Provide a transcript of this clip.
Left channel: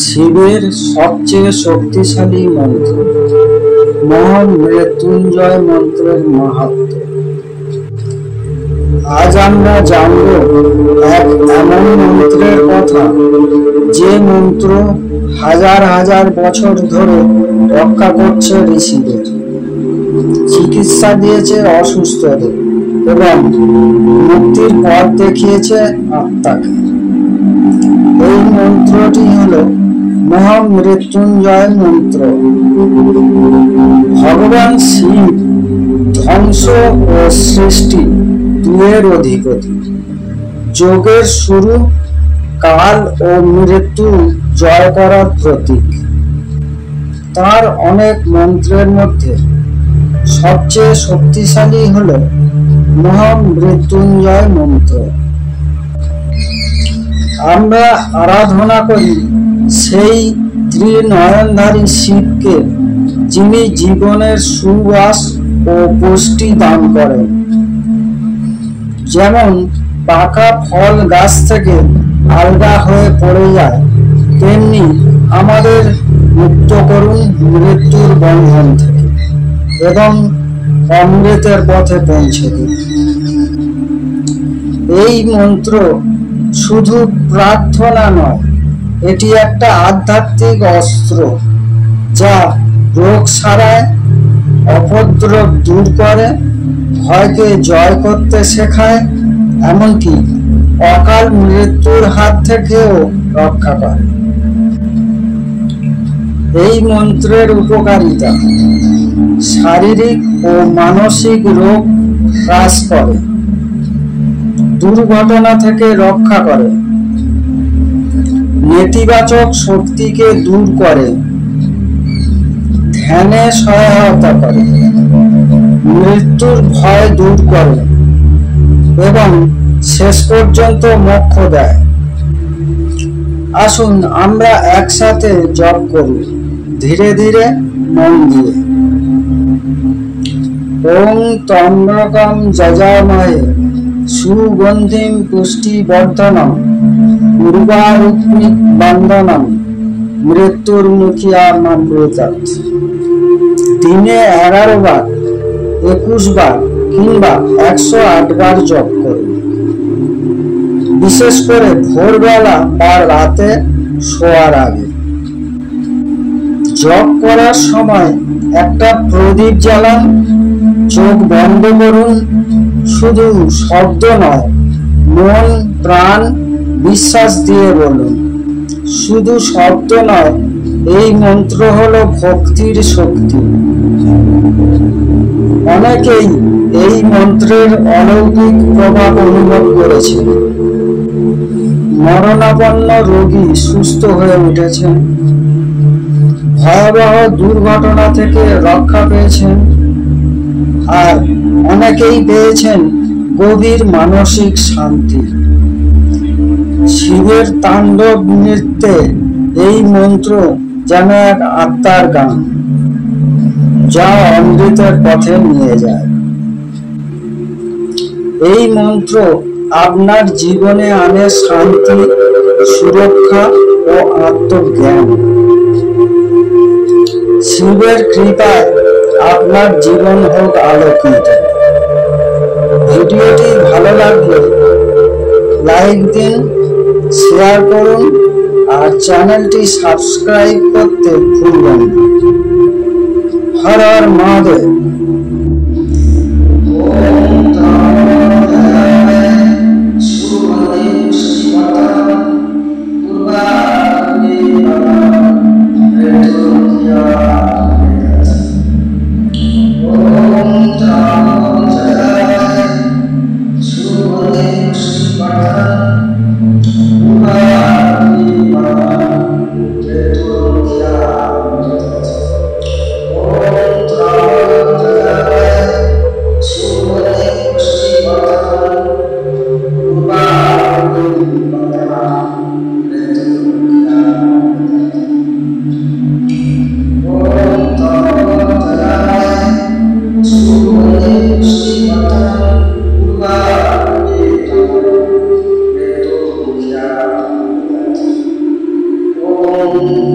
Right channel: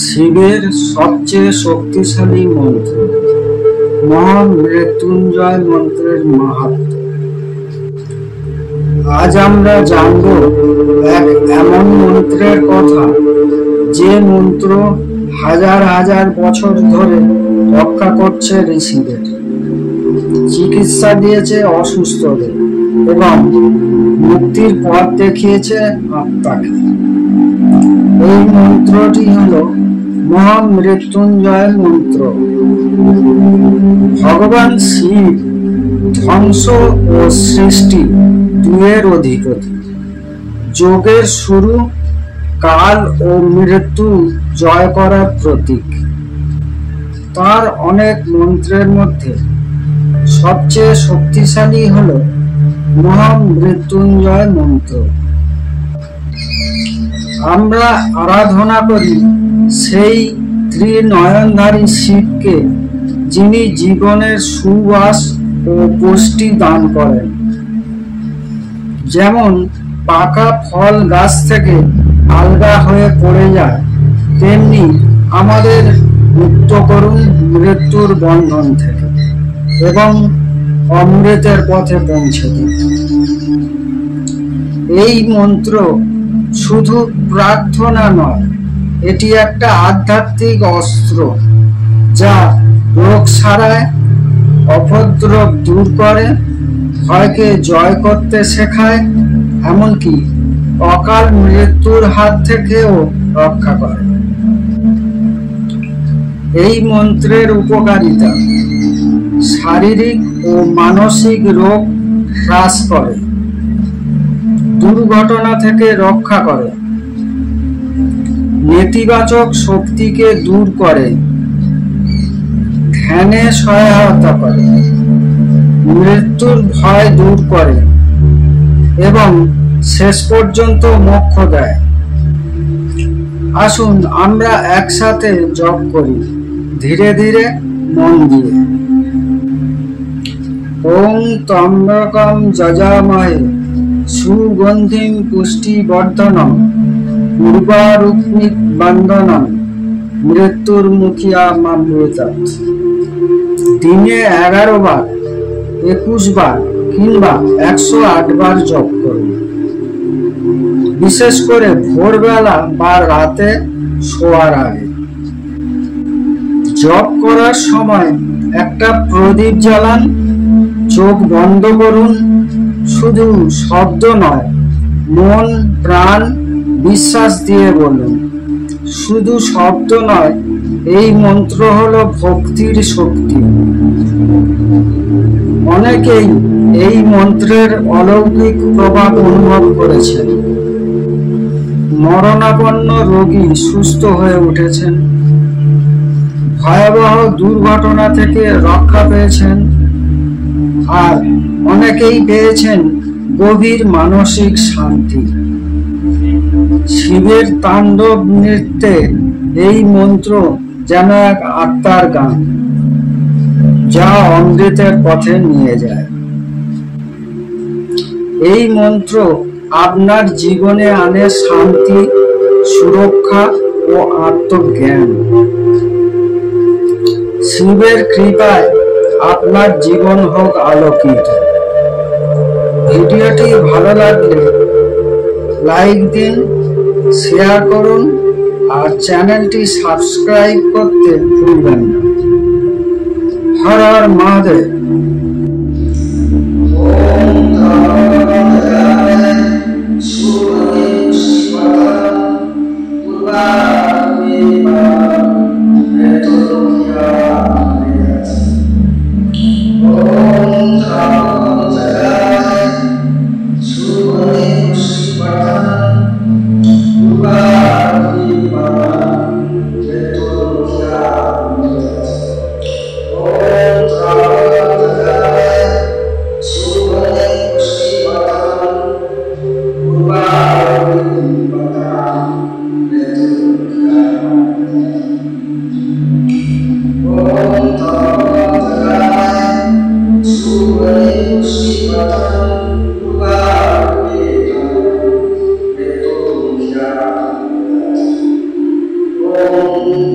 শিবের সবচেয়ে শক্তিশালী মন্ত্র মহামৃত্যুঞ্জয় মন্ত্রের মাহাত্ম্য। আজ আমরা জানব এক এমন মন্ত্রের কথা, যে মন্ত্র হাজার হাজার বছর ধরে রক্ষা করছে ঋষিদের, চিকিৎসা দিয়েছে অসুস্থদের এবং মুক্তির পথ দেখিয়েছে আত্মাকে। এই মন্ত্রটি হল মহামৃত্যুঞ্জয় মন্ত্র। ভগবান শিব ধ্বংস ও সৃষ্টি দুয়ের অধিপতি, যোগের শুরু, কাল ও মৃত্যু জয় করার প্রতীক। তার অনেক মন্ত্রের মধ্যে সবচেয়ে শক্তিশালী হল মহামৃত্যুঞ্জয় মন্ত্র। আমরা আরাধনা করি সেই ত্রিনয়নধারী শিবকে, যিনি জীবনের সুবাস ও পুষ্টি দান করেন। যেমন পাকা ফল গাছ থেকে আলগা হয়ে পড়ে যায়, তেমনি আমাদের মুক্ত করুন মৃত্যুর বন্ধন থেকে এবং অমৃতের পথে পৌঁছে দিন। এই মন্ত্র শুধু প্রার্থনা নয়, এটি একটা আধ্যাত্মিক অস্ত্র, যা রোগ সারায়, অপদ্রব দূর করে, ভয়কে জয় করতে শেখায়, এমনকি অকাল মৃত্যুর হাত থেকেও রক্ষা করে। এই মন্ত্রের উপকারিতা: শারীরিক ও মানসিক রোগ হ্রাস করে, দুর্ঘটনা থেকে রক্ষা করে, নেতিবাচক শক্তিকে দূর করে, ধ্যানে সহায়তা করে, মৃত্যুর ভয় দূর করে এবং শেষ পর্যন্ত মোক্ষ দেয়। আসুন আমরা একসাথে জপ করি, ধীরে ধীরে মন দিয়ে। ওং ত্র্যম্বকম যজামহে সুগন্ধিম পুষ্টিবর্ধনম উর্বারুকমিক বন্দনম মৃত্যুর্মুখিয়ামামৃতাৎ। দিনে 11 বার, 21 বার কিংবা 108 বার জপ করুন। বিশেষ করে ভোরবেলা বা রাতে শোয়ার আগে। জপ করার সময় একটা প্রদীপ জ্বালান, চোখ বন্ধ করুন। শুধু শব্দ নয়, মন প্রাণ বিশ্বাস দিয়ে বলুন। শুধু শব্দ নয়, এই মন্ত্র হলো ভক্তির শক্তি। অনেকেই এই মন্ত্রের অলৌকিক প্রভাব অনুভব করেছেন। মরণাপন্ন রোগী সুস্থ হয়ে উঠেছেন, ভয়াবহ দুর্ঘটনা থেকে রক্ষা পেয়েছেন, আর অনেকেই পেয়েছেন গভীর মানসিক শান্তি। শিবের তাণ্ডব নৃত্যে এই মন্ত্র যেন এক আত্মার গান, যা অমৃতের পথে নিয়ে যায়। এই মন্ত্র আপনার জীবনে আনে শান্তি, সুরক্ষা ও আত্মজ্ঞান। শিবের কৃপায় আপনার জীবন হোক আলোকিত। ভিডিওটি ভালো লাগলে লাইক দিন, শেয়ার করুন আর চ্যানেলটি সাবস্ক্রাইব করতে ভুলবেন না। হর হর মহাদেব। Om